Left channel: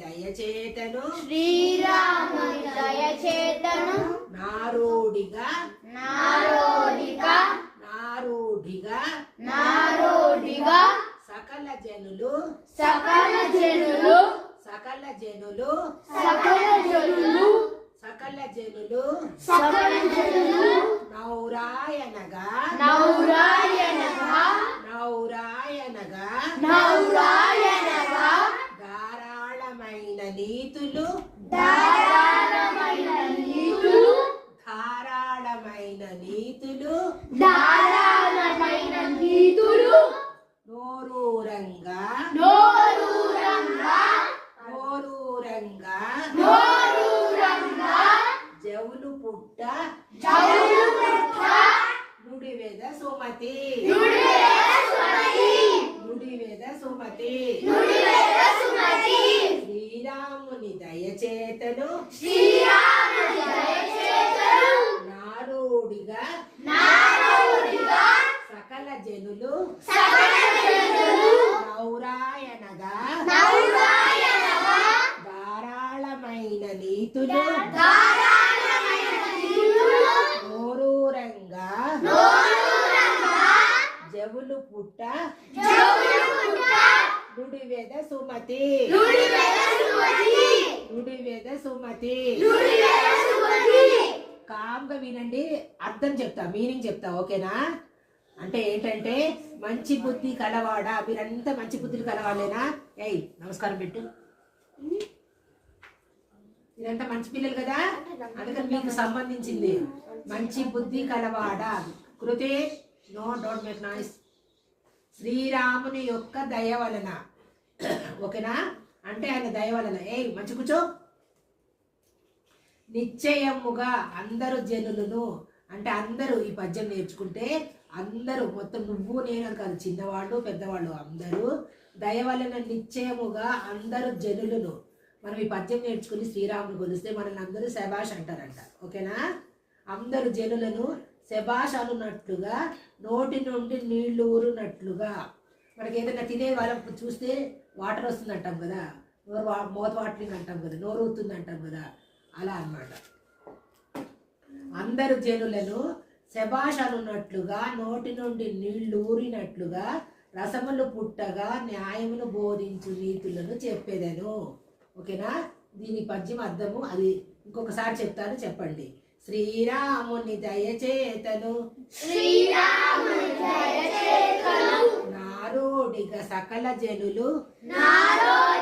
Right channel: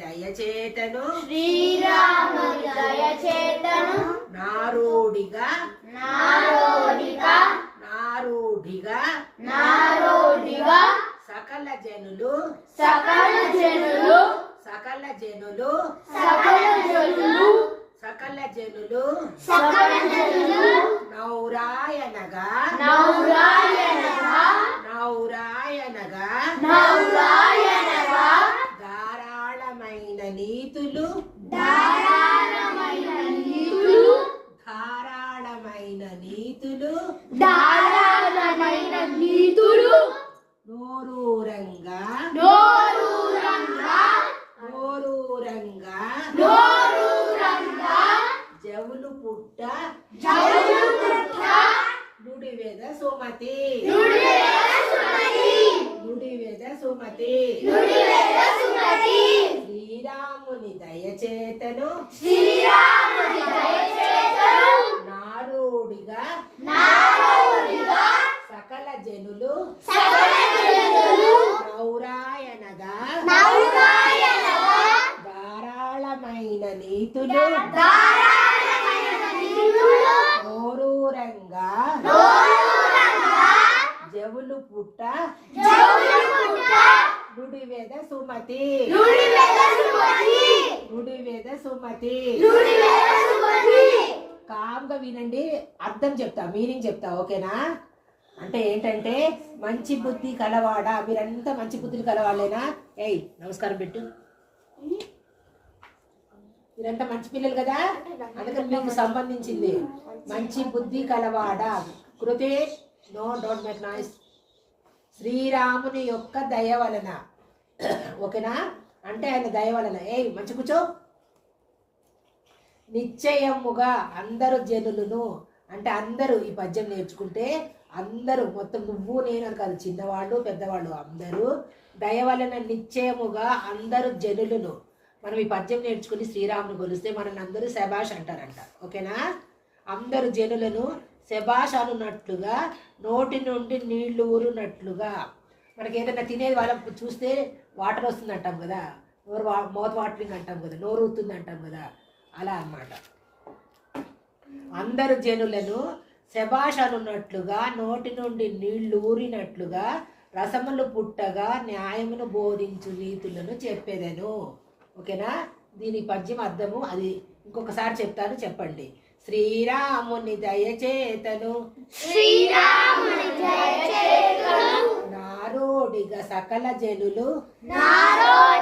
దయచేతను శ్రీరాముని దయచేతను నారోడిగా నారోడిగా నారోడిగా నారోడిగా సకల జనులు సకల జనులు సకల జనులు సకల జనులు సకల జనులు సకల జనులు నౌరాయనగా నౌరాయనగా నౌరాయనగా నౌరాయనగా ధారాళమైన నీతులు ధారాళమైన నీతులు ధారాళమైన నీతులు ధారాళమైన నీతులు నోరూరంగా నోరూరంగా నోరూరంగా నోరూరంగా జవులు పుట్ట జవులు పుట్ట నుడివెద సుమతి నుడివెద సుమతి నుడివెద సుమతి నుడివెద సుమతి శ్రీరాముని దయచేతను శ్రీరాముని దయచేతను నారోడిగా నారోడిగా సకల జనులు సకల జనులు నౌరాయనగా నౌరాయనగా ధారాళమైన నీతులు ధారాళమైన నీతులు నోరూరంగా నోరూరంగా జవులు పుట్ట జవులు పుట్ట నుడివెద సుమతి నుడివెద సుమతి నుడివెద సుమతి నుడివెద సుమతి కామ్గా వినండి, అర్థం చెప్తా, మీనింగ్ చెప్తా, ఓకేనా? అంటే ఏంటంటే మంచి బుద్ధి కలవాడా, మీరంతా మంచి బుద్ధులు కలవాళ్ళేనా? ఏయ్ నమస్కారం పెట్టు. మీరంతా మంచి పిల్లలు కదా, అందుకని మీకు సంబంధించింది. మంచి బుద్ధి కలవాడా, కృతే నో డోంట్ మేక్ నాయిస్. శ్రీరాముని యొక్క దయ వలన, ఓకేనా? అంటే ఆయన దయ వలన, ఏయ్ మంచి కూర్చో. నిశ్చయముగా అందరు జనులను, అంటే అందరూ ఈ పద్యం నేర్చుకుంటే అందరూ, మొత్తం నువ్వు నేను కాదు, చిన్నవాళ్ళు పెద్దవాళ్ళు అందరూ దయ వలన నిశ్చయముగా అందరు జనులను, మనం ఈ పద్యం నేర్చుకుని శ్రీరాముని కొలిస్తే మనల్ని అందరూ శబాష్ అంటారంట, ఓకేనా? అందరు జనులను శబాష్ అనున్నట్లుగా, నోటి నుండి నీళ్లు ఊరునట్లుగా. మనకి ఏదైనా తినేది వాళ్ళకు చూస్తే వాటర్ వస్తుంది అంటాం కదా, మౌత్ వాటరింగ్ అంటాం కదా, నోరు ఊరుతుంది అంటాం కదా, అలా అన్నమాట. అందరు జనులను శబాష్ అనున్నట్లుగా, నోటి నుండి నీళ్లు ఊరినట్లుగా, రసములు పుట్టగా న్యాయమును బోధించు నీతులను చెప్పేదను, ఓకేనా? దీని పద్యం అర్థము అది ఇంకొకసారి చెప్తాను, చెప్పండి. శ్రీరాముని దయచేతను శ్రీరాముని దయచేతను నారోడిగా సకల జనులు నారోడిగా